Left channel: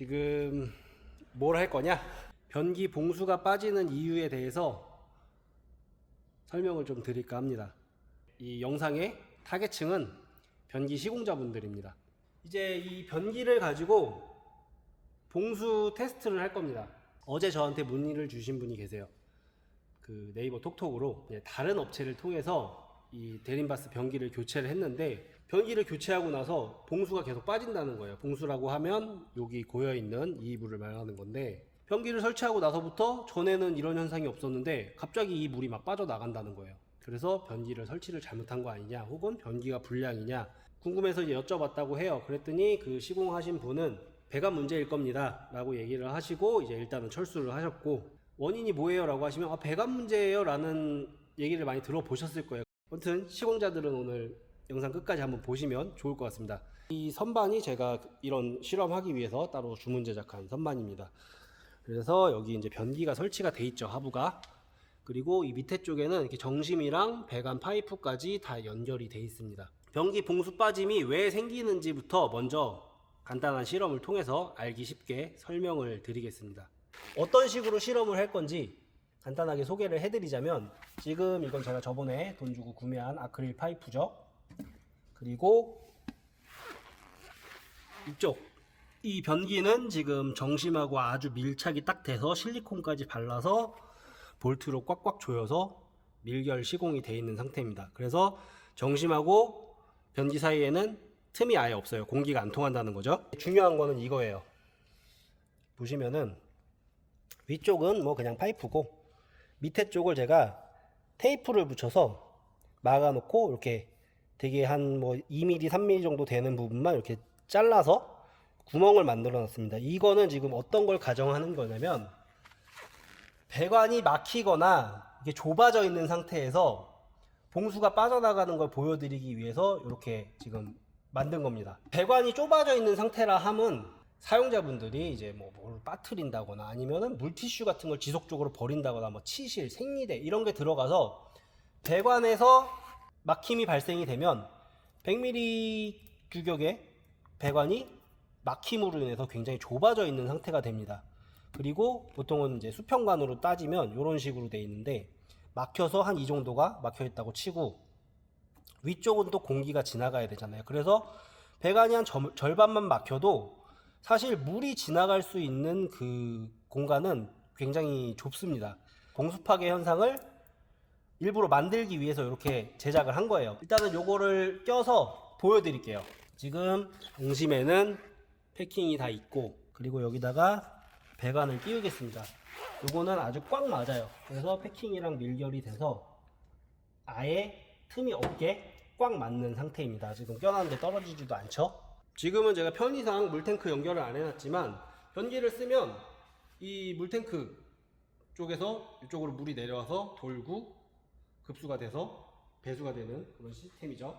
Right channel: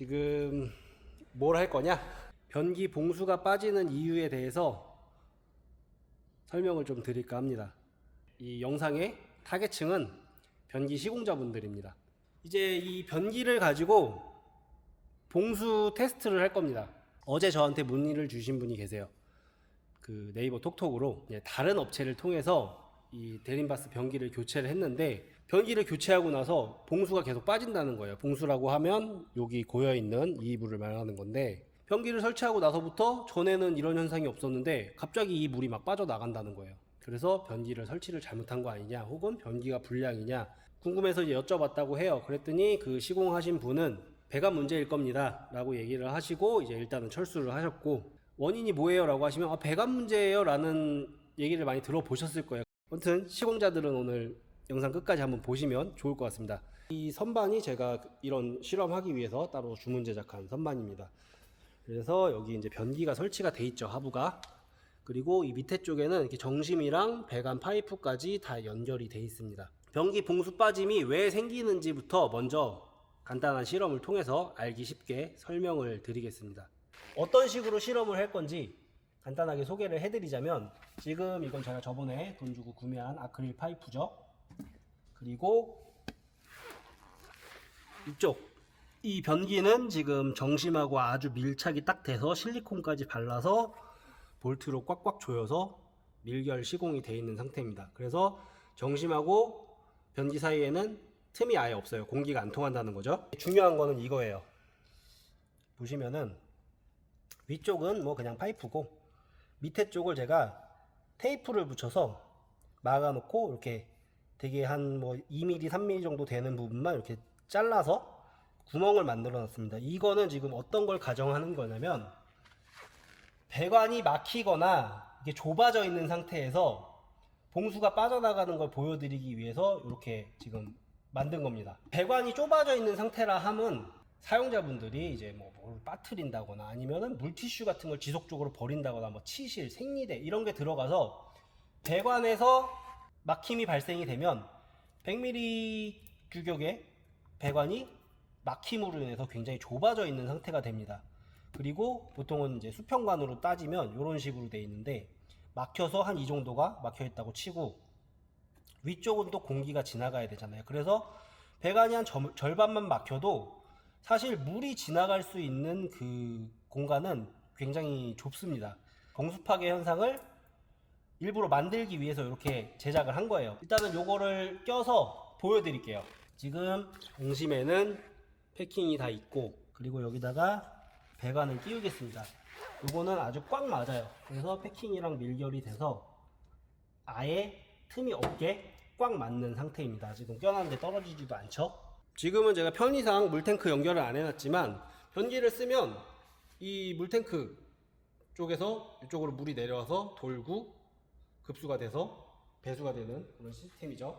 지금 뭘 할 거냐? 변기 봉수가 빠지는 이유에 대해서 설명을 좀 드릴까 합니다. 이 영상의 타겟층은 변기 시공자분들입니다. 이제 이 변기를 가지고 봉수 테스트를 할 겁니다. 어제 저한테 문의를 주신 분이 계세요. 그 네이버 톡톡으로 다른 업체를 통해서 이 데린바스 변기를 교체를 했는데, 변기를 교체하고 나서 봉수가 계속 빠진다는 거예요. 봉수라고 하면 여기 고여있는 이 물을 말하는 건데, 변기를 설치하고 나서부터 전에는 이런 현상이 없었는데 갑자기 이 물이 막 빠져나간다는 거예요. 그래서 변기를 설치를 잘못한 거 아니냐, 혹은 변기가 불량이냐 궁금해서 이제 여쭤봤다고 해요. 그랬더니 그 시공하신 분은 배관 문제일 겁니다 라고 얘기를 하시고, 이제 일단은 철수를 하셨고, 원인이 뭐예요 라고 하시면 배관 문제예요 라는 얘기를 많이 들어보셨을 거예요. 아무튼 시공자들은 오늘 영상 끝까지 한번 보시면 좋을 것 같습니다. 이 선반이 제가 이런 실험하기 위해서 따로 주문 제작한 선반입니다. 그래서 여기 이제 변기가 설치가 돼 있죠, 하부가. 그리고 이 밑에 쪽에는 이렇게 정심이랑 배관 파이프까지 다 연결이 돼 있습니다. 변기 봉수 빠짐이 왜 생기는지부터 먼저 간단한 실험을 통해서 알기 쉽게 설명을 드리겠습니다. 어떤 식으로 실험을 할 건지 간단하게 소개를 해드리자면, 지금 이건 제가 저번에 돈 주고 구매한 아크릴 파이프죠. 그리고 이쪽 이 변기는 지금 정심하고 아주 밀착이 딱 돼서 실리콘까지 발라서 볼트로 꽉꽉 조여서 밀결 시공이 되어 있는 상태입니다. 그래서 정심하고 변기 사이에는 틈이 아예 없어요. 공기가 안 통한다는 거죠. 중요한 거는 이거예요. 보시면은 위쪽은 뭐 그냥 파이프고, 밑에 쪽을 제가 테이프를 붙여서 막아 놓고, 이렇게 되게 한 뭐 2mm, 3mm 정도 되는 부분만 이렇게 잘라서 구멍을 만들어 놨습니다. 이거는 지금 어떤 걸 가정하는 거냐면, 배관이 막히거나 이게 좁아져 있는 상태에서 봉수가 빠져나가는 걸 보여드리기 위해서 이렇게 지금 만든 겁니다. 배관이 좁아져 있는 상태라 함은 사용자분들이 이제 뭘 빠뜨린다거나 아니면은 물티슈 같은 걸 지속적으로 버린다거나 뭐 치실, 생리대 이런 게 들어가서 배관에서 막힘이 발생이 되면 100mm 규격의 배관이 막힘으로 인해서 굉장히 좁아져 있는 상태가 됩니다. 그리고 보통은 이제 수평관으로 따지면 이런 식으로 되어 있는데, 막혀서 한 이 정도가 막혀 있다고 치고, 위쪽은 또 공기가 지나가야 되잖아요. 그래서 배관이 한 절반만 막혀도 사실 물이 지나갈 수 있는 그 공간은 굉장히 좁습니다. 봉수 파괴 현상을 일부러 만들기 위해서 이렇게 제작을 한 거예요. 일단은 요거를 껴서 보여드릴게요. 지금 중심에는 패킹이 다 있고, 그리고 여기다가 배관을 끼우겠습니다. 요거는 아주 꽉 맞아요. 그래서 패킹이랑 밀결이 돼서 아예 틈이 없게 꽉 맞는 상태입니다. 지금 껴놨는데 떨어지지도 않죠. 지금은 제가 편의상 물탱크 연결을 안 해놨지만, 변기를 쓰면 이 물탱크 쪽에서 이쪽으로 물이 내려와서 돌고 급수가 돼서 배수가 되는 그런 시스템이죠.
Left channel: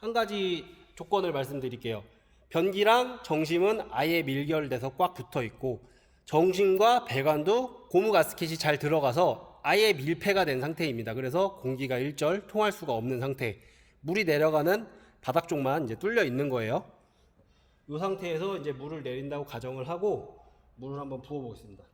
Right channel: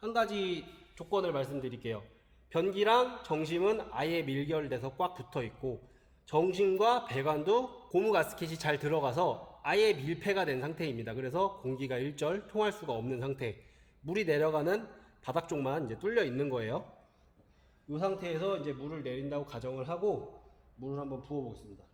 한 가지 조건을 말씀드릴게요. 변기랑 정심은 아예 밀결돼서 꽉 붙어 있고, 정심과 배관도 고무 가스켓이 잘 들어가서 아예 밀폐가 된 상태입니다. 그래서 공기가 일절 통할 수가 없는 상태. 물이 내려가는 바닥 쪽만 이제 뚫려 있는 거예요. 이 상태에서 이제 물을 내린다고 가정을 하고 물을 한번 부어 보겠습니다.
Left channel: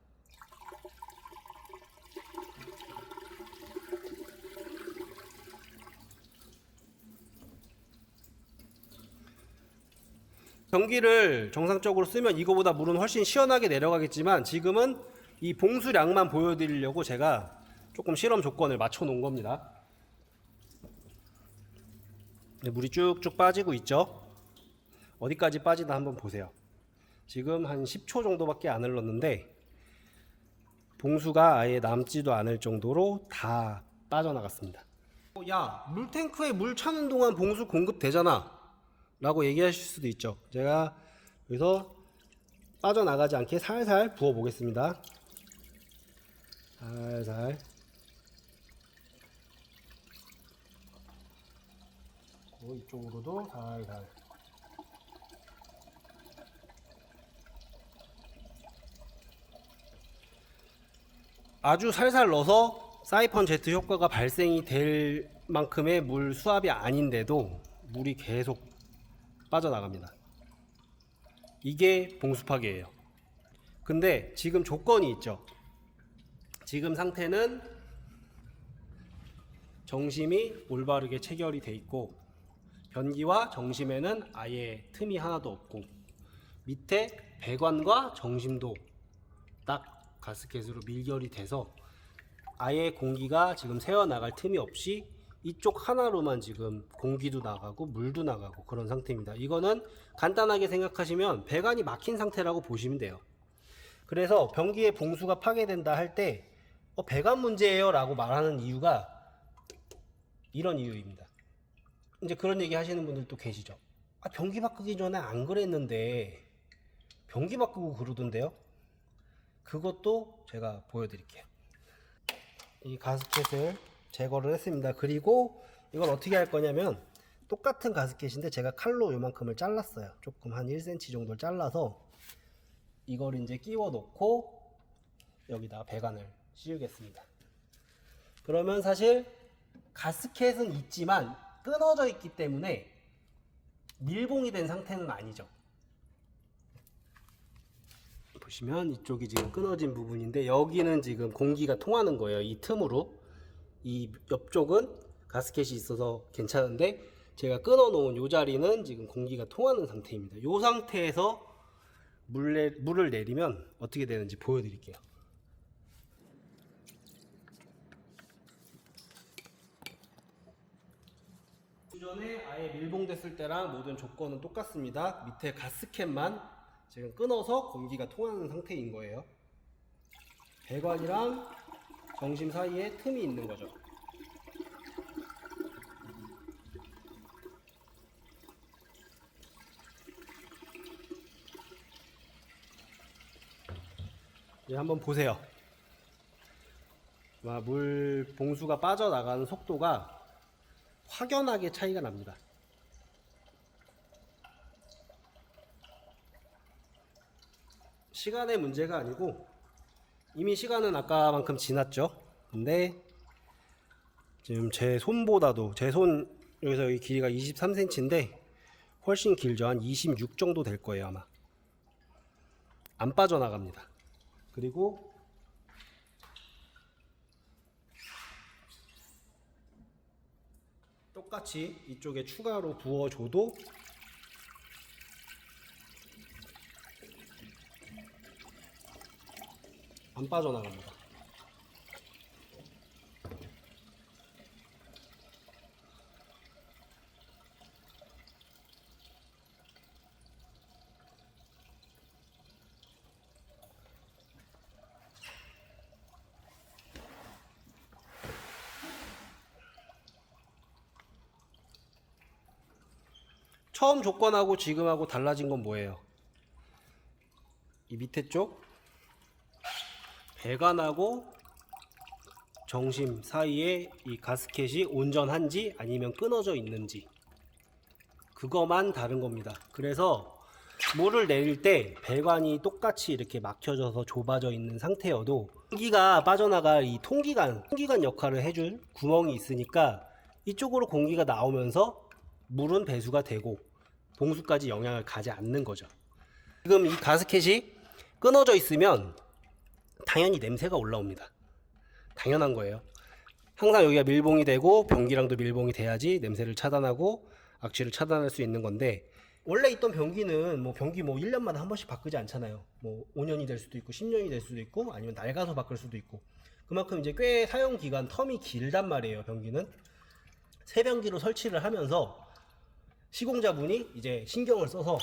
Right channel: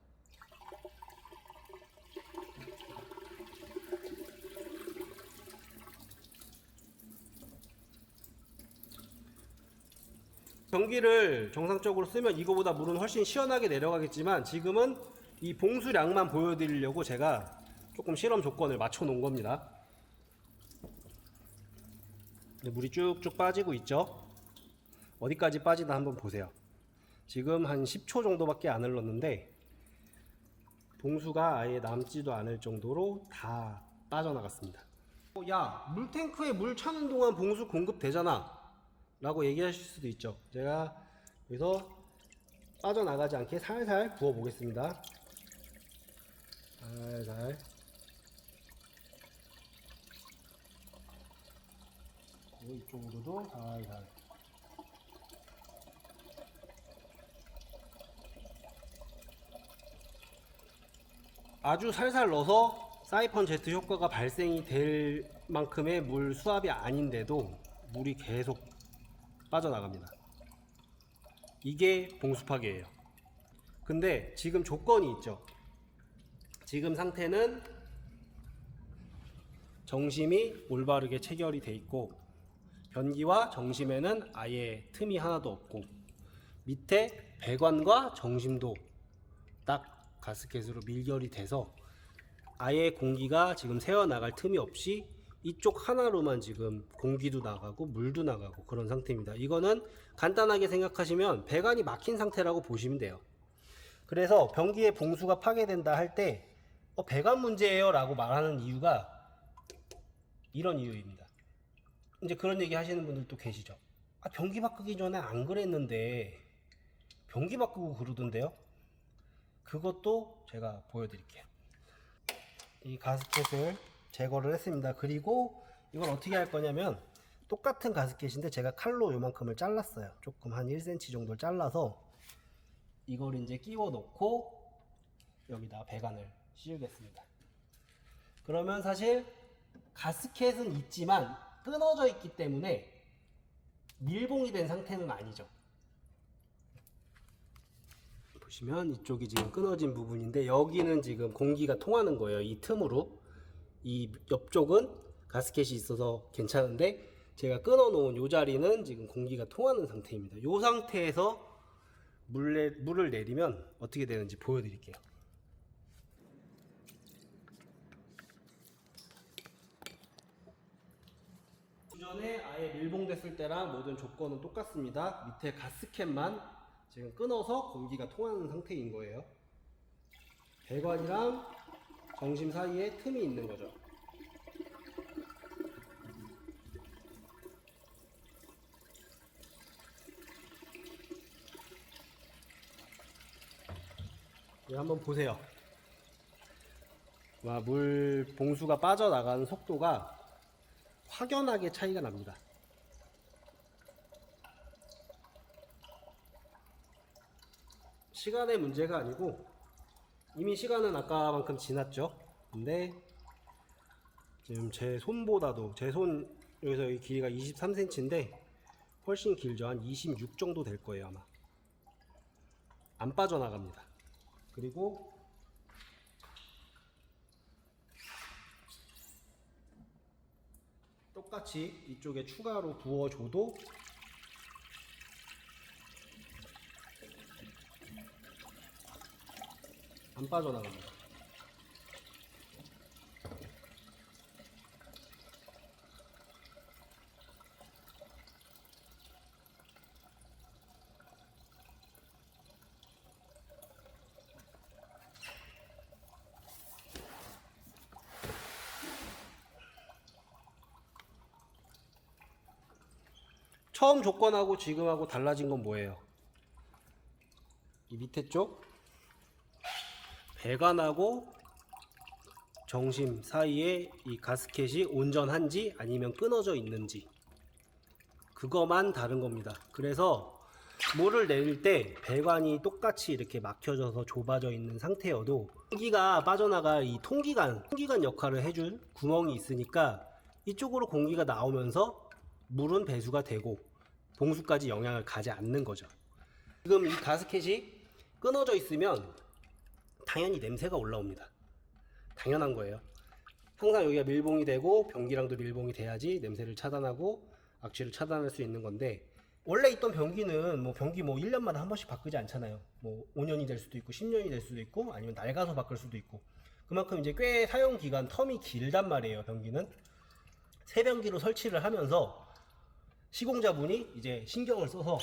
변기를 정상적으로 쓰면 이거보다 물은 훨씬 시원하게 내려가겠지만, 지금은 이 봉수량만 보여드리려고 제가 조금 실험 조건을 맞춰 놓은 겁니다. 물이 쭉쭉 빠지고 있죠. 어디까지 빠지나 한번 보세요. 지금 한 10초 정도밖에 안 흘렀는데 봉수가 아예 남지도 않을 정도로 다 빠져나갔습니다. 야, 물탱크에 물 차는 동안 봉수 공급되잖아 라고 얘기하실 수도 있죠. 제가 여기서 빠져나가지 않게 살살 부어 보겠습니다. 살살. 이쪽으로도 살살. 아주 살살 넣어서 사이펀 제트 효과가 발생이 될 만큼의 물 수압이 아닌데도 물이 계속 빠져나갑니다. 이게 봉수 파괴예요. 근데 지금 조건이 있죠. 지금 상태는 정심이 올바르게 체결이 돼 있고 변기와 정심에는 아예 틈이 하나도 없고 밑에 배관과 정심도 딱 가스켓으로 밀결이 돼서 아예 공기가 지금 새어나갈 틈이 없이 이쪽 하나로만 지금 공기도 나가고 물도 나가고 그런 상태입니다. 이거는 간단하게 생각하시면 배관이 막힌 상태라고 보시면 돼요. 그래서 변기의 봉수가 파괴된다 할 때 배관 문제예요 라고 말하는 이유가 이런 이유입니다. 이제 그런 얘기 하시는 분들도 계시죠. 변기 바꾸기 전에 안 그랬는데 변기 바꾸고 그러던데요. 그것도 제가 보여드릴게요. 이 가스켓을 제거를 했습니다. 그리고 이걸 어떻게 할 거냐면 똑같은 가스켓인데 제가 칼로 요만큼을 잘랐어요. 조금 한 1cm 정도를 잘라서 이걸 이제 끼워 놓고 여기다 배관을 씌우겠습니다. 그러면 사실 가스켓은 있지만 끊어져 있기 때문에 밀봉이 된 상태는 아니죠. 보시면 이쪽이 지금 끊어진 부분인데 여기는 지금 공기가 통하는 거예요. 이 틈으로. 이 옆쪽은 가스켓이 있어서 괜찮은데 제가 끊어 놓은 이 자리는 지금 공기가 통하는 상태입니다. 이 상태에서 물을 내리면 어떻게 되는지 보여드릴게요. 기존에 아예 밀봉됐을 때랑 모든 조건은 똑같습니다. 밑에 가스켓만 지금 끊어서 공기가 통하는 상태인 거예요. 배관이랑 정심 사이에 틈이 있는 거죠. 한번 보세요. 물 봉수가 빠져나가는 속도가 확연하게 차이가 납니다. 시간의 문제가 아니고 이미 시간은 아까만큼 지났죠. 근데 지금 제 손보다도 제 손 여기서 여기 길이가 23cm인데 훨씬 길죠. 한 26 정도 될 거예요 아마. 안 빠져나갑니다. 그리고 똑같이 이쪽에 추가로 부어줘도 안 빠져나갑니다. 처음 조건하고 지금하고 달라진 건 뭐예요? 이 밑에 쪽 배관하고 정심 사이에 이 가스켓이 온전한지 아니면 끊어져 있는지 그거만 다른 겁니다. 그래서 물을 내릴 때 배관이 똑같이 이렇게 막혀져서 좁아져 있는 상태여도 공기가 빠져나갈 이 통기관 역할을 해줄 구멍이 있으니까 이쪽으로 공기가 나오면서 물은 배수가 되고 봉수까지 영향을 가지 않는 거죠. 지금 이 가스켓이 끊어져 있으면 당연히 냄새가 올라옵니다. 당연한 거예요. 항상 여기가 밀봉이 되고 변기랑도 밀봉이 돼야지 냄새를 차단하고 악취를 차단할 수 있는 건데 원래 있던 변기는 변기 1년마다 한 번씩 바꾸지 않잖아요. 5년이 될 수도 있고 10년이 될 수도 있고 아니면 낡아서 바꿀 수도 있고 그만큼 이제 꽤 사용 기간 텀이 길단 말이에요. 변기는 새 변기로 설치를 하면서 시공자분이 이제 신경을 써서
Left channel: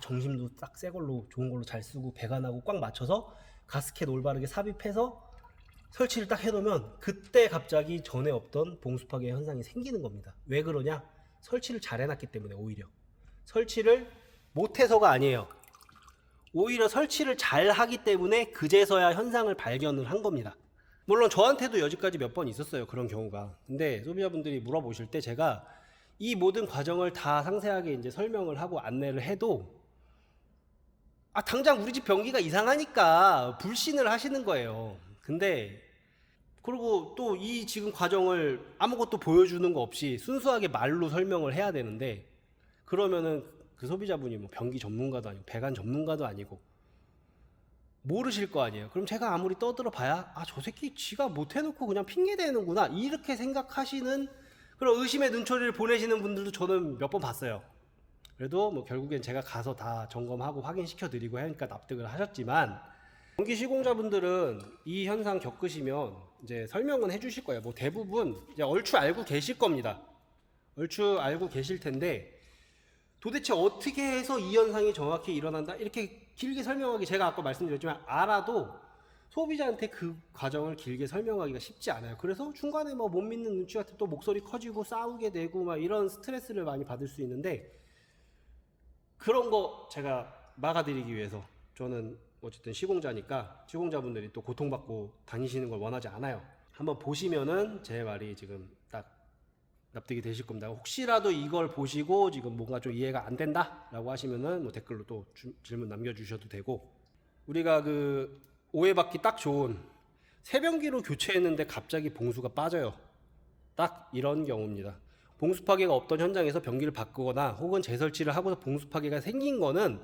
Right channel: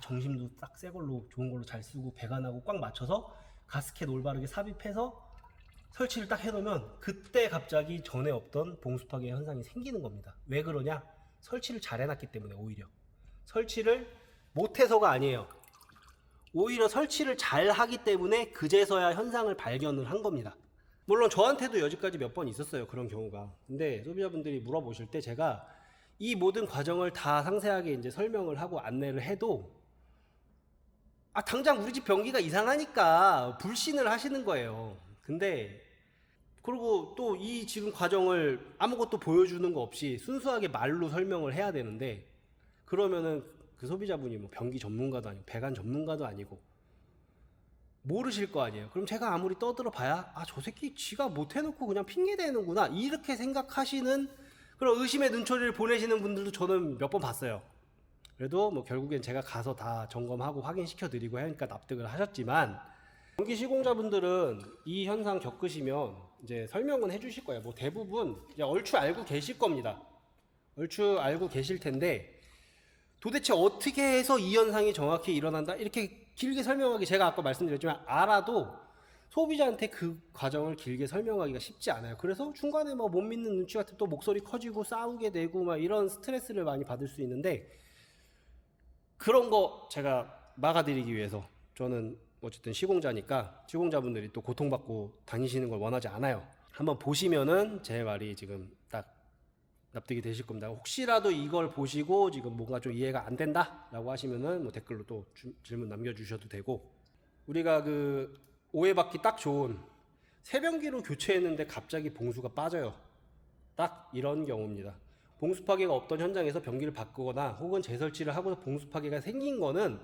정심도 딱 새 걸로 좋은 걸로 잘 쓰고 배관하고 꽉 맞춰서 가스켓 올바르게 삽입해서 설치를 딱 해놓으면 그때 갑자기 전에 없던 봉수 파괴 현상이 생기는 겁니다. 왜 그러냐? 설치를 잘 해놨기 때문에. 오히려 설치를 못해서가 아니에요. 오히려 설치를 잘 하기 때문에 그제서야 현상을 발견을 한 겁니다. 물론 저한테도 여지까지 몇 번 있었어요, 그런 경우가. 근데 소비자분들이 물어보실 때 제가 이 모든 과정을 다 상세하게 이제 설명을 하고 안내를 해도 당장 우리 집 변기가 이상하니까 불신을 하시는 거예요. 근데 그리고 또 이 지금 과정을 아무것도 보여주는 거 없이 순수하게 말로 설명을 해야 되는데 그러면은 그 소비자분이 변기 전문가도 아니고 배관 전문가도 아니고 모르실 거 아니에요. 그럼 제가 아무리 떠들어 봐야 아, 저 새끼 지가 못 해놓고 그냥 핑계 대는구나 이렇게 생각하시는 그런 의심의 눈초리를 보내시는 분들도 저는 몇 번 봤어요. 그래도 뭐 결국엔 제가 가서 다 점검하고 확인시켜 드리고 하니까 납득을 하셨지만, 전기 시공자분들은 이 현상 겪으시면 이제 설명은 해주실 거예요. 뭐 대부분 이제 얼추 알고 계실 겁니다. 얼추 알고 계실 텐데 도대체 어떻게 해서 이 현상이 정확히 일어난다 이렇게 길게 설명하기, 제가 아까 말씀드렸지만 알아도 소비자한테 그 과정을 길게 설명하기가 쉽지 않아요. 그래서 중간에 뭐 못 믿는 눈치 같은 또 목소리 커지고 싸우게 되고 막 이런 스트레스를 많이 받을 수 있는데, 그런 거 제가 막아드리기 위해서 저는 어쨌든 시공자니까 시공자분들이 또 고통받고 다니시는 걸 원하지 않아요. 한번 보시면은 제 말이 지금 딱 납득이 되실 겁니다. 혹시라도 이걸 보시고 지금 뭔가 좀 이해가 안 된다 라고 하시면은 뭐 댓글로 또 질문 남겨주셔도 되고, 우리가 그 오해받기 딱 좋은 세변기로 교체했는데 갑자기 봉수가 빠져요. 딱 이런 경우입니다. 봉수 파괴가 없던 현장에서 변기를 바꾸거나 혹은 재설치를 하고서 봉수 파괴가 생긴 거는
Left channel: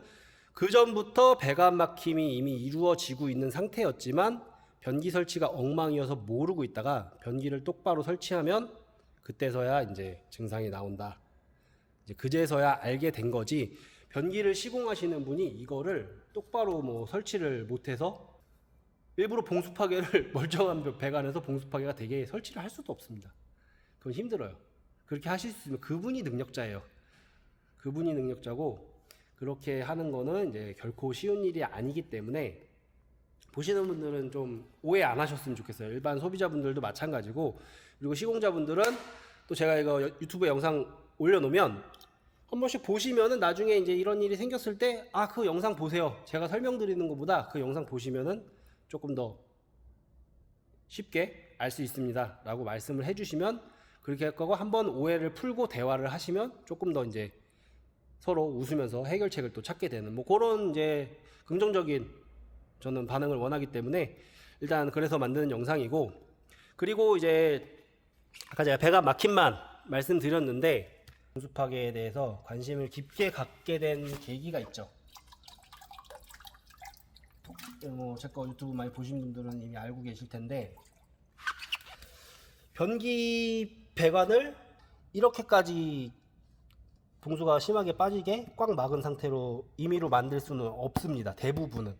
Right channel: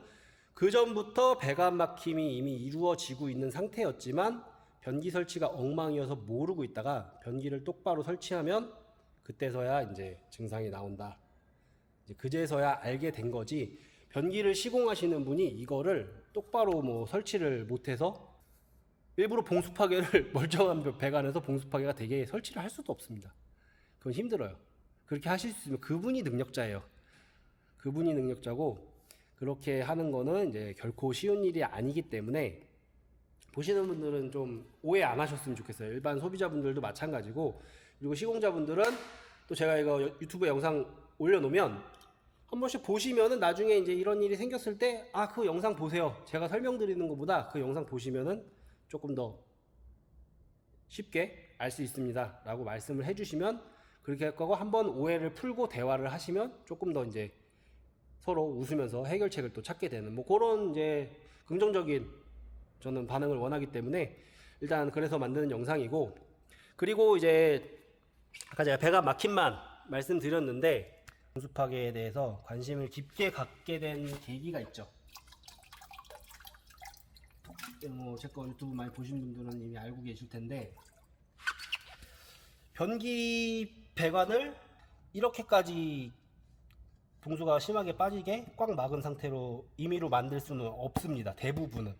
그 전부터 배관 막힘이 이미 이루어지고 있는 상태였지만 변기 설치가 엉망이어서 모르고 있다가 변기를 똑바로 설치하면 그때서야 이제 증상이 나온다. 이제 그제서야 알게 된 거지, 변기를 시공하시는 분이 이거를 똑바로 뭐 설치를 못해서 일부러 봉수 파괴를 멀쩡한 배관에서 봉수 파괴가 되게 설치를 할 수도 없습니다. 그건 힘들어요. 그렇게 하실 수 있으면 그분이 능력자예요. 그분이 능력자고, 그렇게 하는 거는 이제 결코 쉬운 일이 아니기 때문에 보시는 분들은 좀 오해 안 하셨으면 좋겠어요. 일반 소비자분들도 마찬가지고, 그리고 시공자분들은 또 제가 이거 유튜브 영상 올려놓으면 한 번씩 보시면은 나중에 이제 이런 일이 생겼을 때 아, 그 영상 보세요. 제가 설명드리는 것보다 그 영상 보시면은 조금 더 쉽게 알 수 있습니다 라고 말씀을 해주시면 그렇게 할 거고, 한번 오해를 풀고 대화를 하시면 조금 더 이제 서로 웃으면서 해결책을 또 찾게 되는 뭐 그런 이제 긍정적인 저는 반응을 원하기 때문에 일단 그래서 만드는 영상이고, 그리고 이제 아까 제가 배관 막힘만 말씀드렸는데 봉수 파괴에 대해서 관심을 깊게 갖게 된 계기가 있죠. 뭐 제 거 유튜브 많이 보신 분들은 이미 알고 계실 텐데, 변기 배관을 이렇게까지 봉수가 심하게 빠지게 꽉 막은 상태로 임의로 만들 수는 없습니다. 대부분은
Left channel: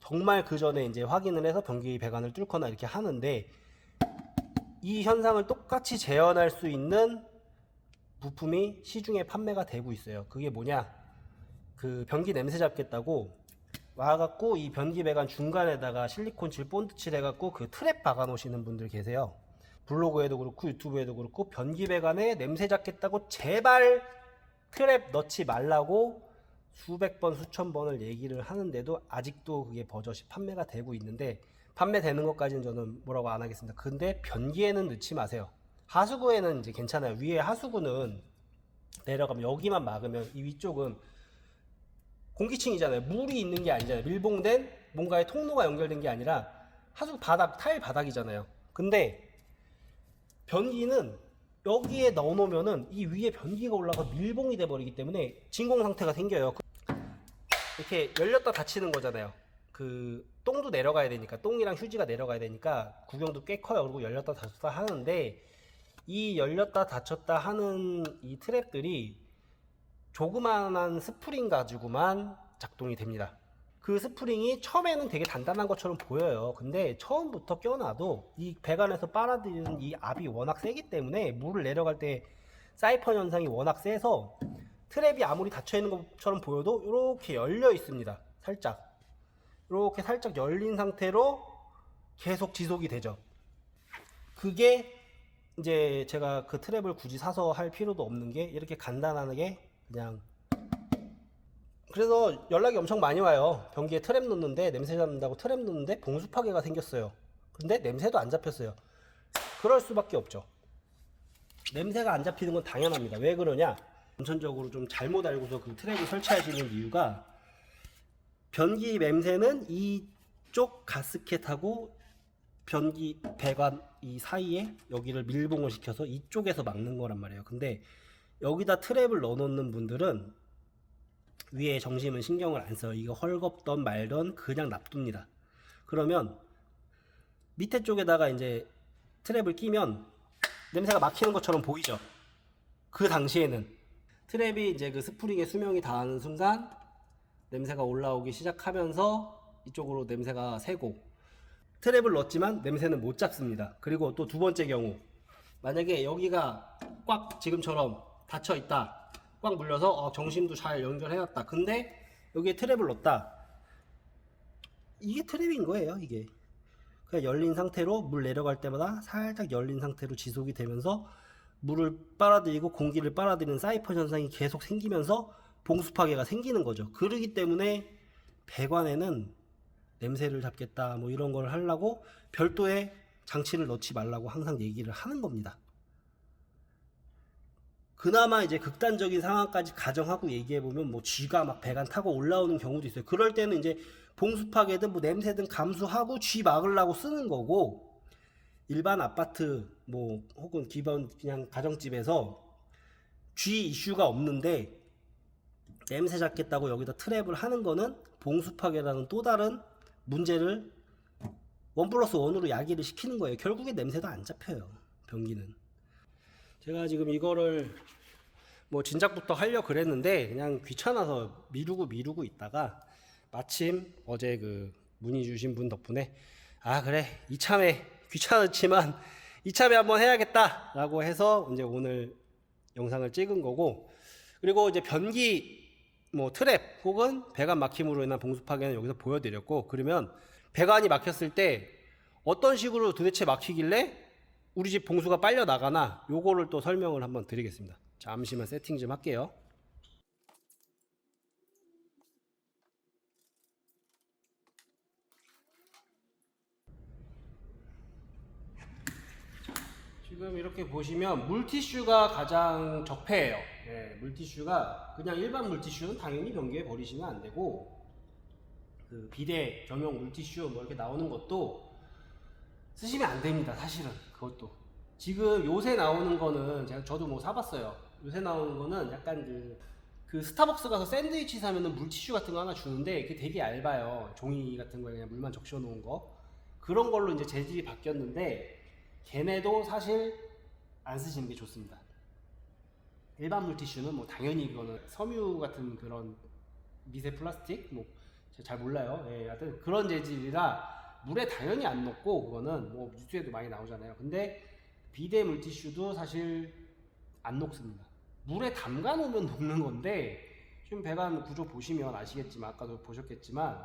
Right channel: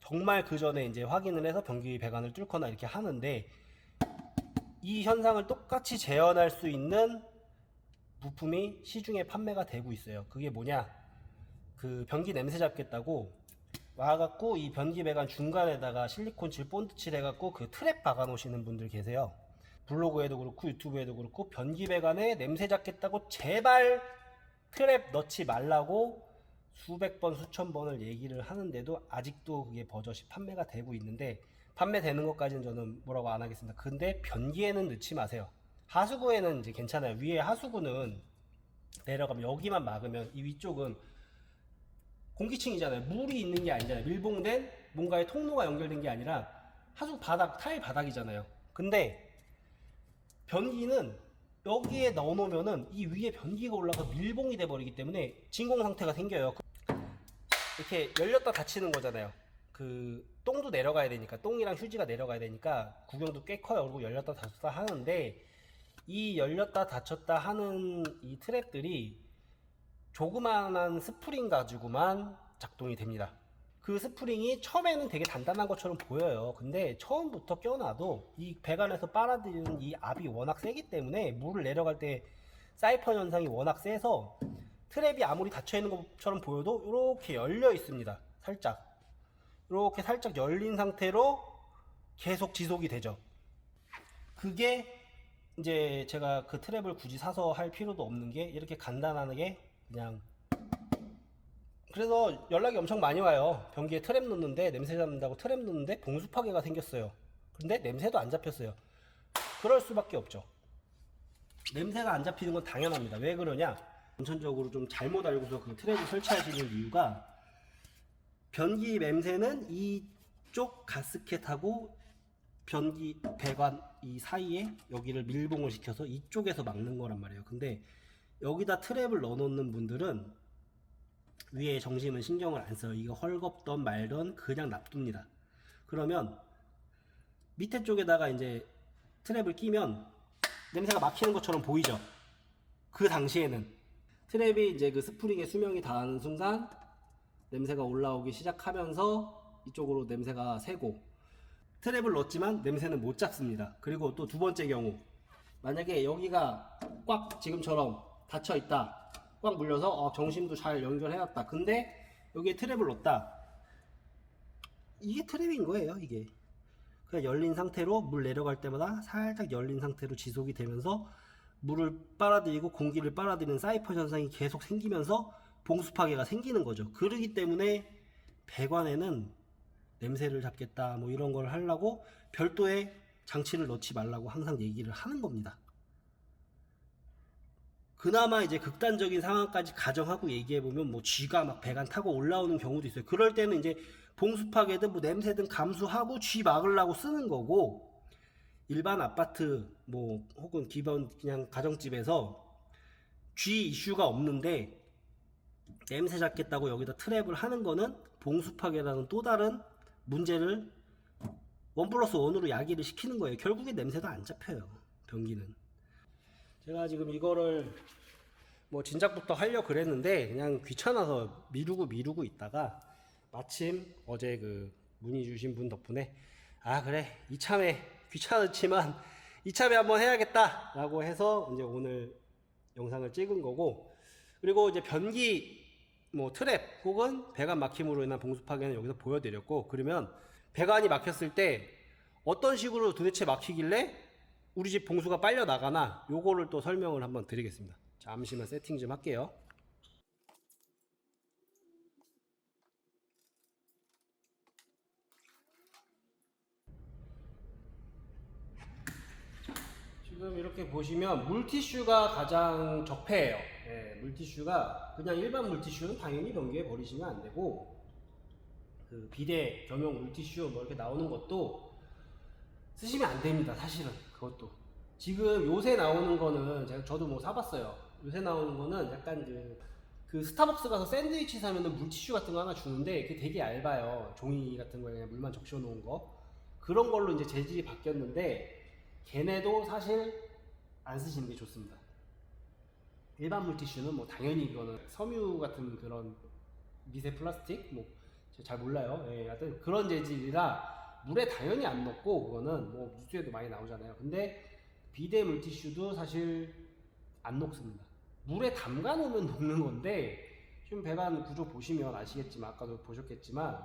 정말 그 전에 이제 확인을 해서 변기 배관을 뚫거나 이렇게 하는데, 이 현상을 똑같이 재현할 수 있는 부품이 시중에 판매가 되고 있어요. 그게 뭐냐, 그 변기 냄새 잡겠다고 와갖고 이 변기 배관 중간에다가 실리콘 칠 본드 칠 해갖고 그 트랩 박아 놓으시는 분들 계세요. 블로그에도 그렇고 유튜브에도 그렇고 변기 배관에 냄새 잡겠다고 제발 트랩 넣지 말라고 수백 번 수천 번을 얘기를 하는데도 아직도 그게 버젓이 판매가 되고 있는데, 판매되는 것까지는 저는 뭐라고 안 하겠습니다. 근데 변기에는 넣지 마세요. 하수구에는 이제 괜찮아요. 위에 하수구는 내려가면 여기만 막으면 이 위쪽은 공기층이잖아요. 물이 있는 게 아니잖아요. 밀봉된 뭔가의 통로가 연결된 게 아니라 하수구 바닥, 타일 바닥이잖아요. 근데 변기는 여기에 넣어놓으면은 이 위에 변기가 올라가 밀봉이 돼 버리기 때문에 진공 상태가 생겨요. 이렇게 열렸다 닫히는 거잖아요. 그 똥도 내려가야 되니까, 똥이랑 휴지가 내려가야 되니까 구경도 꽤 커요. 그리고 열렸다 닫혔다 하는데 이 열렸다 닫혔다 하는 이 트랩들이 조그만한 스프링 가지고만 작동이 됩니다. 그 스프링이 처음에는 되게 단단한 것처럼 보여요. 근데 처음부터 껴놔도 이 배관에서 빨아들이는 이 압이 워낙 세기 때문에 물을 내려갈 때 사이펀 현상이 워낙 세서 트랩이 아무리 닫혀 있는 것처럼 보여도 이렇게 열려 있습니다. 살짝 이렇게 살짝 열린 상태로 계속 지속이 되죠. 그게 이제 제가 그 트랩을 굳이 사서 할 필요도 없는 게 이렇게 간단하게 그냥, 그래서 연락이 엄청 많이 와요. 변기에 트랩 놓는데 냄새 잡는다고 트랩 놓는데 봉수 파괴가 생겼어요. 근데 냄새도 안 잡혔어요. 그럴 수밖에 없죠. 냄새가 안 잡히는 건 당연합니다. 왜 그러냐, 원천적으로 좀 잘못 알고서 그 트랩을 설치하시는 이유가, 변기 냄새는 이쪽 가스켓하고 변기 배관 이 사이에 여기를 밀봉을 시켜서 이쪽에서 막는 거란 말이에요. 근데 여기다 트랩을 넣어 놓는 분들은 위에 정심은 신경을 안 써요. 이거 헐겁던 말던 그냥 놔둡니다. 그러면 밑에 쪽에다가 이제 트랩을 끼면 냄새가 막히는 것처럼 보이죠. 그 당시에는 트랩이 이제 그 스프링의 수명이 다하는 순간 냄새가 올라오기 시작하면서 이쪽으로 냄새가 새고, 트랩을 넣었지만 냄새는 못 잡습니다. 그리고 또 두 번째 경우, 만약에 여기가 꽉 지금처럼 닫혀 있다, 꽉 물려서 정심도 잘 연결해놨다, 근데 여기에 트랩을 넣었다, 이게 트랩인 거예요. 이게 그냥 열린 상태로 물 내려갈 때마다 살짝 열린 상태로 지속이 되면서 물을 빨아들이고 공기를 빨아들이는 사이펀 현상이 계속 생기면서 봉수 파괴가 생기는 거죠. 그러기 때문에 배관에는 냄새를 잡겠다 뭐 이런 걸 하려고 별도의 장치를 넣지 말라고 항상 얘기를 하는 겁니다. 그나마 이제 극단적인 상황까지 가정하고 얘기해보면 뭐 쥐가 막 배관 타고 올라오는 경우도 있어요. 그럴 때는 이제 봉수 파괴든 뭐 냄새든 감수하고 쥐 막으려고 쓰는 거고, 일반 아파트 뭐 혹은 기본 그냥 가정집에서 쥐 이슈가 없는데 냄새 잡겠다고 여기다 트랩을 하는 거는 봉수 파괴라는 또 다른 문제를 1+1으로 야기를 시키는 거예요. 결국에 냄새도 안 잡혀요, 변기는. 제가 지금 이거를 뭐 진작부터 하려고 그랬는데 그냥 귀찮아서 미루고 있다가 마침 어제 그 문의 주신 분 덕분에 아 그래 이참에 귀찮았지만 이참에 한번 해야겠다 라고 해서 이제 오늘 영상을 찍은 거고, 그리고 이제 변기 뭐 트랩 혹은 배관 막힘으로 인한 봉수 파괴는 여기서 보여드렸고, 그러면 배관이 막혔을 때 어떤 식으로 도대체 막히길래 우리 집 봉수가 빨려 나가나, 요거를 또 설명을 한번 드리겠습니다. 잠시만 세팅 좀 할게요. 지금 이렇게 보시면 물티슈가 가장 적폐예요. 네, 물티슈가 그냥 일반 물티슈는 당연히 변기에 버리시면 안 되고, 그 비데 겸용 물티슈 뭐 이렇게 나오는 것도 쓰시면 안 됩니다. 사실은 그것도 지금 요새 나오는 거는 저도 뭐 사봤어요. 요새 나오는 거는 약간 그 스타벅스 가서 샌드위치 사면은 물티슈 같은 거 하나 주는데 그게 되게 얇아요. 종이 같은 거에 그냥 물만 적셔 놓은 거, 그런 걸로 이제 재질이 바뀌었는데 걔네도 사실 안 쓰시는 게 좋습니다. 일반 물티슈는 뭐 당연히 이거는 섬유 같은 그런 미세 플라스틱 뭐 잘 몰라요. 예, 하여튼 그런 재질이라 물에 당연히 안 녹고, 그거는 뭐 뉴스에도 많이 나오잖아요. 근데 비데 물티슈도 사실 안 녹습니다. 물에 담가 놓으면 녹는 건데, 지금 배관 구조 보시면 아시겠지만, 아까도 보셨겠지만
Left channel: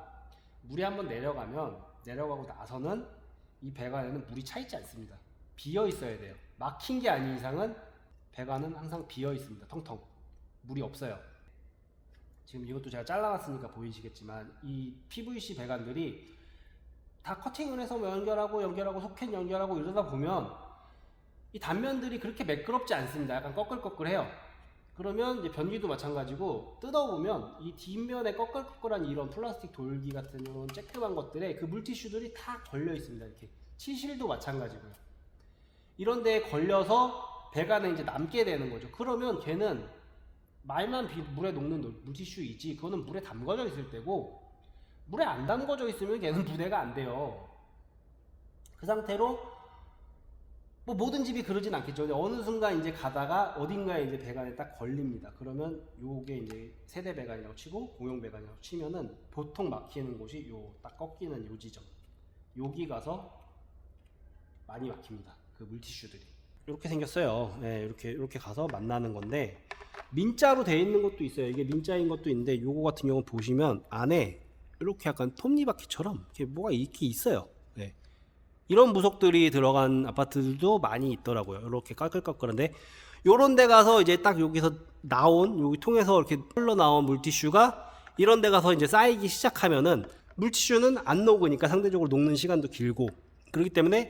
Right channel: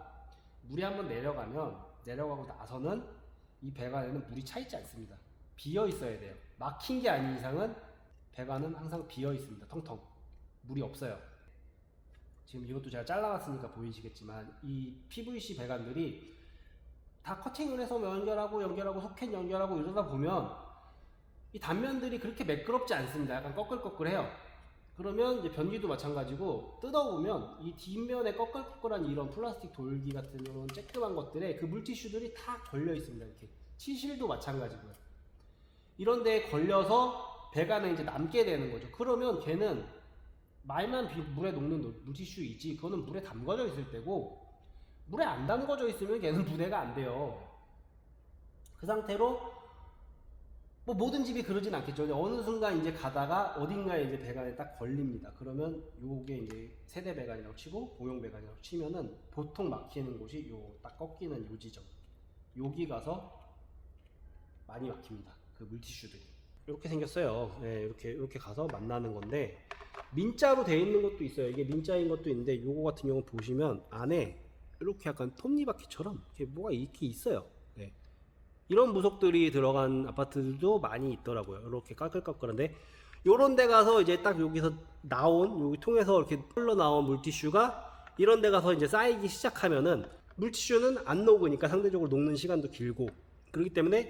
물이 한번 내려가고 나서는 이 배관에는 물이 차 있지 않습니다. 비어 있어야 돼요. 막힌 게 아닌 이상은 배관은 항상 비어 있습니다. 텅텅 물이 없어요. 지금 이것도 제가 잘라놨으니까 보이시겠지만 이 PVC 배관들이 다 커팅을 해서 연결하고 소켓 연결하고 이러다 보면 이 단면들이 그렇게 매끄럽지 않습니다. 약간 꺼끌꺼끌해요. 그러면 이제 변기도 마찬가지고 뜯어보면 이 뒷면에 꺼끌꺼끌한 이런 플라스틱 돌기 같은 이런 쬐끄만 것들에 그 물티슈들이 다 걸려 있습니다. 이렇게 치실도 마찬가지고요. 이런 데에 걸려서 배관에 이제 남게 되는 거죠. 그러면 걔는 말만 물에 녹는 물티슈이지 그거는 물에 담궈져 있을 때고, 물에 안 담궈져 있으면 걔는 분해가 안 돼요. 그 상태로 뭐 모든 집이 그러진 않겠죠. 근데 어느 순간 이제 가다가 어딘가에 이제 배관에 딱 걸립니다. 그러면 요게 이제 세대 배관이라고 치고 공용 배관이라고 치면은 보통 막히는 곳이 요 딱 꺾이는 요 지점, 여기 가서 많이 막힙니다. 그 물티슈들이 이렇게 생겼어요. 네, 이렇게 가서 만나는 건데, 민자로 되어 있는 것도 있어요. 이게 민자인 것도 있는데 요거 같은 경우 보시면 안에 이렇게 약간 톱니바퀴처럼 이렇게 뭐가 이렇게 있어요. 네. 이런 부속들이 들어간 아파트들도 많이 있더라고요. 이렇게 까끌까끌한데, 요런 데 가서 이제 딱 여기서 나온 여기 통해서 이렇게 흘러나온 물티슈가 이런 데 가서 이제 쌓이기 시작하면은, 물티슈는 안 녹으니까 상대적으로 녹는 시간도 길고, 그렇기 때문에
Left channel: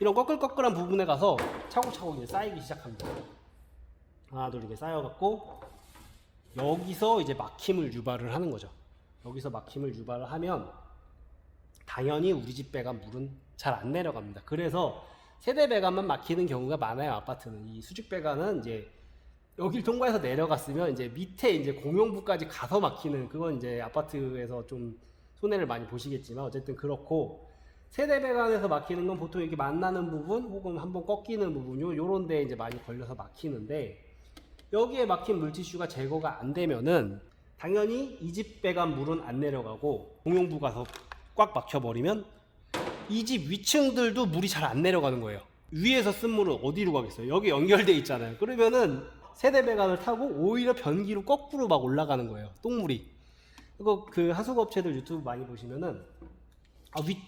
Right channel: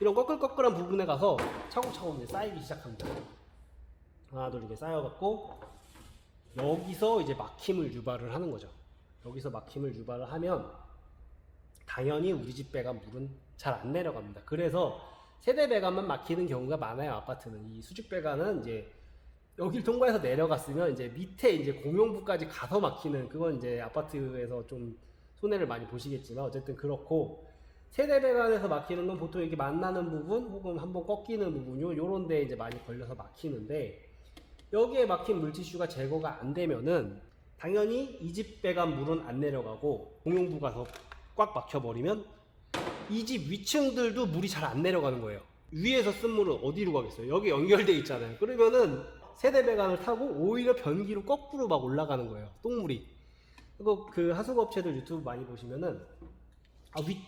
이런 꺼끌꺼끌한 부분에 가서 차곡차곡 이제 쌓이기 시작합니다. 하나 둘 이렇게 쌓여갖고 여기서 이제 막힘을 유발을 하는 거죠. 여기서 막힘을 유발을 하면 당연히 우리 집 배관 물은 잘 안 내려갑니다. 그래서 세대 배관만 막히는 경우가 많아요. 아파트는 이 수직 배관은 이제 여길 통과해서 내려갔으면 이제 밑에 이제 공용부까지 가서 막히는, 그건 이제 아파트에서 좀 손해를 많이 보시겠지만 어쨌든 그렇고, 세대 배관에서 막히는 건 보통 이렇게 만나는 부분 혹은 한번 꺾이는 부분요, 요런 데 이제 많이 걸려서 막히는데, 여기에 막힌 물티슈가 제거가 안 되면은 당연히 이 집 배관 물은 안 내려가고 공용부 가서 꽉 막혀버리면 이 집 위층들도 물이 잘 안 내려가는 거예요. 위에서 쓴 물은 어디로 가겠어요? 여기 연결돼 있잖아요. 그러면은 세대 배관을 타고 오히려 변기로 거꾸로 막 올라가는 거예요, 똥물이. 그리고 그 하수구업체들 유튜브 많이 보시면은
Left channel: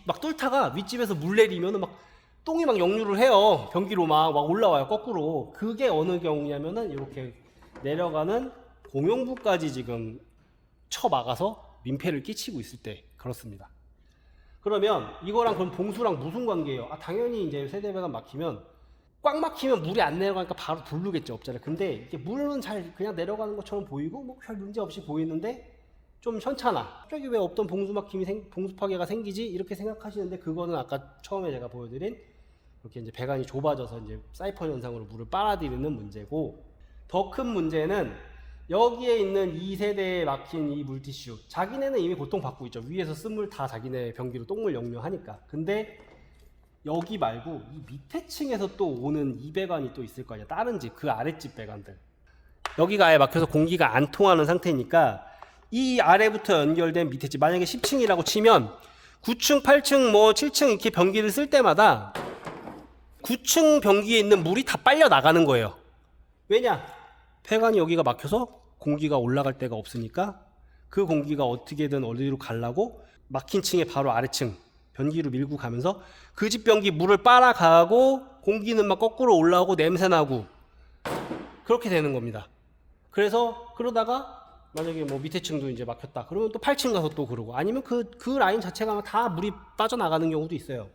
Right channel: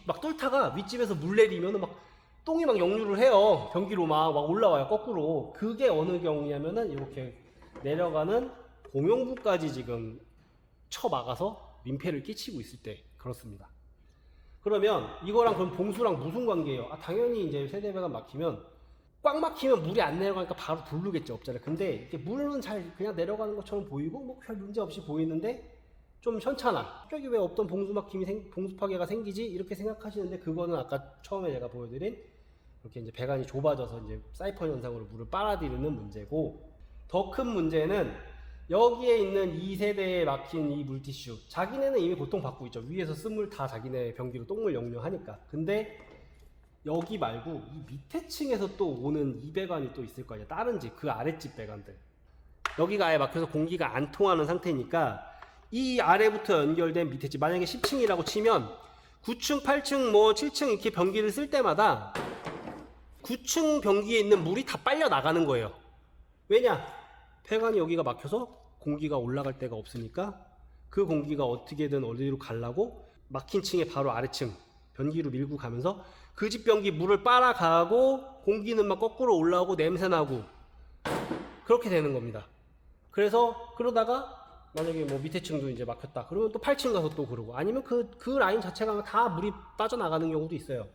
막 뚫다가 윗집에서 물 내리면은 막 똥이 막 역류를 해요. 변기로 막 올라와요, 거꾸로. 그게 어느 경우냐면은 이렇게 내려가는 공용부까지 지금 쳐막아서 민폐를 끼치고 있을 때 그렇습니다. 그러면 이거랑 그럼 봉수랑 무슨 관계예요? 당연히 이제 세대 배관 막히면, 꽉 막히면 물이 안 내려가니까 바로 부르겠죠, 업자를. 근데 이게 물은 잘 그냥 내려가는 것처럼 보이고 뭐 별 문제 없이 보이는데 좀 현찮아. 갑자기 왜 없던 봉수 막힘이 봉수 파괴가 생기지? 이렇게 생각하시는데, 그거는 아까 처음에 제가 보여드린 이렇게 이제 배관이 좁아져서 이제 사이펀 현상으로 물을 빨아들이는 문제고, 더 큰 문제는 여기에 있는 2세대에 막힌 이 물티슈, 자기네는 이미 고통받고 있죠. 위에서 쓴 물 다 자기네 변기로 똥물 역류하니까. 근데 여기 말고 이 밑에 층에서 또 오는 이 배관이 또 있을 거 아니야, 다른 집, 그 아랫집 배관들. 여기가 아예 막혀서 공기가 안 통하는 상태니까 이 아래부터 연결된 밑에 집, 만약에 10층이라고 치면 9층, 8층, 뭐 7층 이렇게 변기를 쓸 때마다 9층 변기에 있는 물이 다 빨려 나가는 거예요. 왜냐? 배관이 여기가 막혀서 공기가 올라갈 데가 없으니까 그 공기가 어떻게든 어디로 가려고 막힌 층의 바로 아래층 변기로 밀고 가면서 그 집 변기 물을 빨아가고 공기는 막 거꾸로 올라오고 냄새나고 그렇게 되는 겁니다. 그래서 그러다가 만약에 뭐 밑에 층도 이제 막혔다 그러면 또 8층 가서 또 그러고, 아니면 그 라인 자체가 다 물이 빠져나가는 경우도 있어요.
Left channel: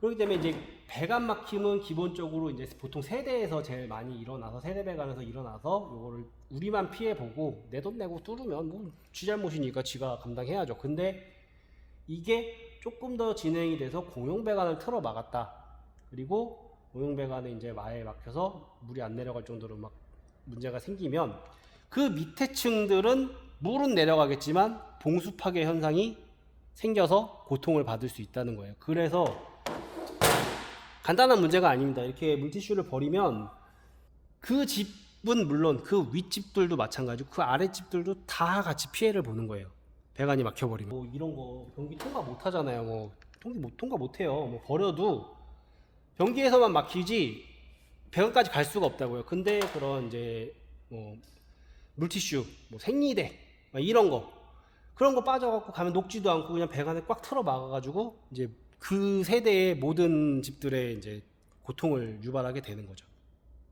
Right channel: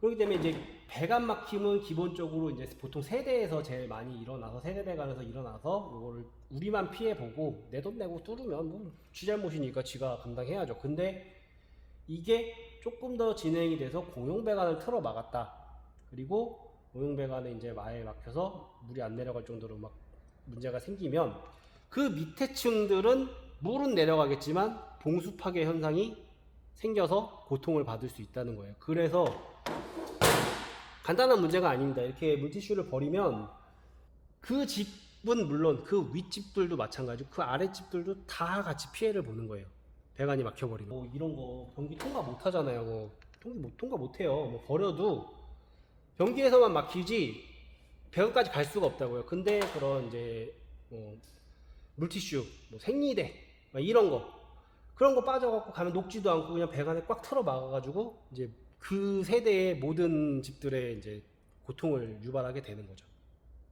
그렇기 때문에 이제 배관 막힘은 기본적으로 이제 보통 세대에서 제일 많이 일어나서, 세대 배관에서 일어나서 요거를 우리만 피해보고 내 돈 내고 뚫으면 뭐 지 잘못이니까 지가 감당해야죠. 근데 이게 조금 더 진행이 돼서 공용 배관을 틀어 막았다, 그리고 공용 배관에 이제 마에 막혀서 물이 안 내려갈 정도로 막 문제가 생기면 그 밑에 층들은 물은 내려가겠지만 봉수 파괴 현상이 생겨서 고통을 받을 수 있다는 거예요. 그래서 간단한 문제가 아닙니다. 이렇게 물티슈를 버리면 그 집은 물론 그 윗집들도 마찬가지고 그 아랫집들도 다 같이 피해를 보는 거예요, 배관이 막혀버리면. 뭐 이런 거 변기 통과 못 하잖아요. 뭐 통과 못 해요. 뭐 버려도 변기에서만 막히지 배관까지 갈 수가 없다고요. 근데 그런 이제 뭐 물티슈, 뭐 생리대 이런 거, 그런 거 빠져갖고 가면 녹지도 않고 그냥 배관에 꽉 틀어 막아가지고 이제 그 세대의 모든 집들의 이제 고통을 유발하게 되는 거죠.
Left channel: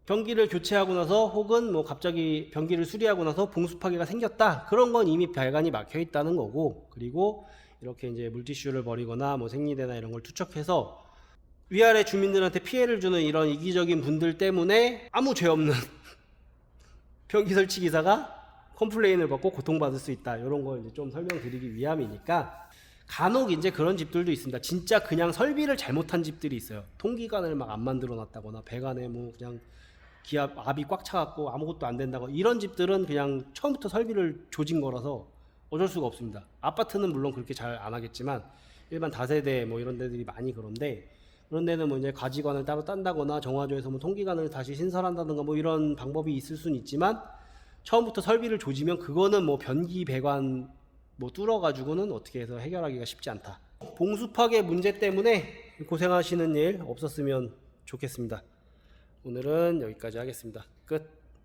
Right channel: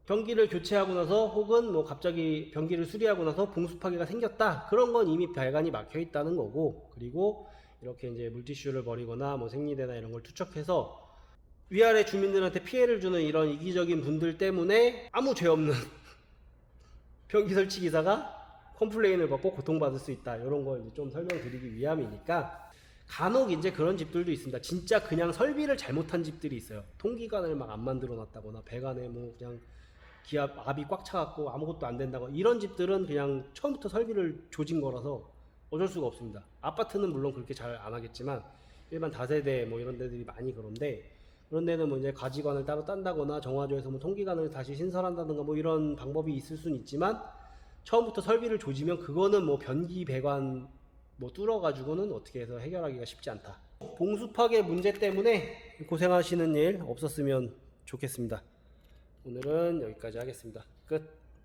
변기를 교체하고 나서 혹은 뭐 갑자기 변기를 수리하고 나서 봉수 파괴가 생겼다, 그런 건 이미 배관이 막혀 있다는 거고, 그리고 이렇게 이제 물티슈를 버리거나 뭐 생리대나 이런 걸 투척해서 위아래 주민들한테 피해를 주는 이런 이기적인 분들 때문에 아무 죄 없는 변기 설치 기사가 컴플레인을 받고 고통받을 수 있다, 이런 걸 이제 좀 설명드리기 위함이니까. 간혹 이제 그런 집들도 있습니다. 진짜 그냥 설비를 잘못한 집들이 있어요. 통기관을 막 안 만들어 놨다거나 배관에 뭐 그냥 기압 압이 꽉 차갖고 아무것도 안 된다고, 이런 집들은 그냥 처음부터 설비를 조진 거라서 어쩔 수가 없습니다. 아파트는 물론 그렇게 잘 안 하겠지만 일반 다세대 뭐 이런 데들이 많이 그런데, 그런 데는 뭐 이제 가지관을 따로 딴다거나 정화조에서 뭐 통기관을 다시 신설한다든가 뭐 이런 방법이 있을 수는 있지만, 처음부터 설비를 조지면 그거는 뭐 변기 배관 뭐 뚫어가지고는 어떻게 해서 해결하기가 쉽지 않다. 봉수 파괴 문제 때문에 고생하시는 일 없었으면 좋겠습니다. 오늘은 여기까지 하겠습니다. 끝.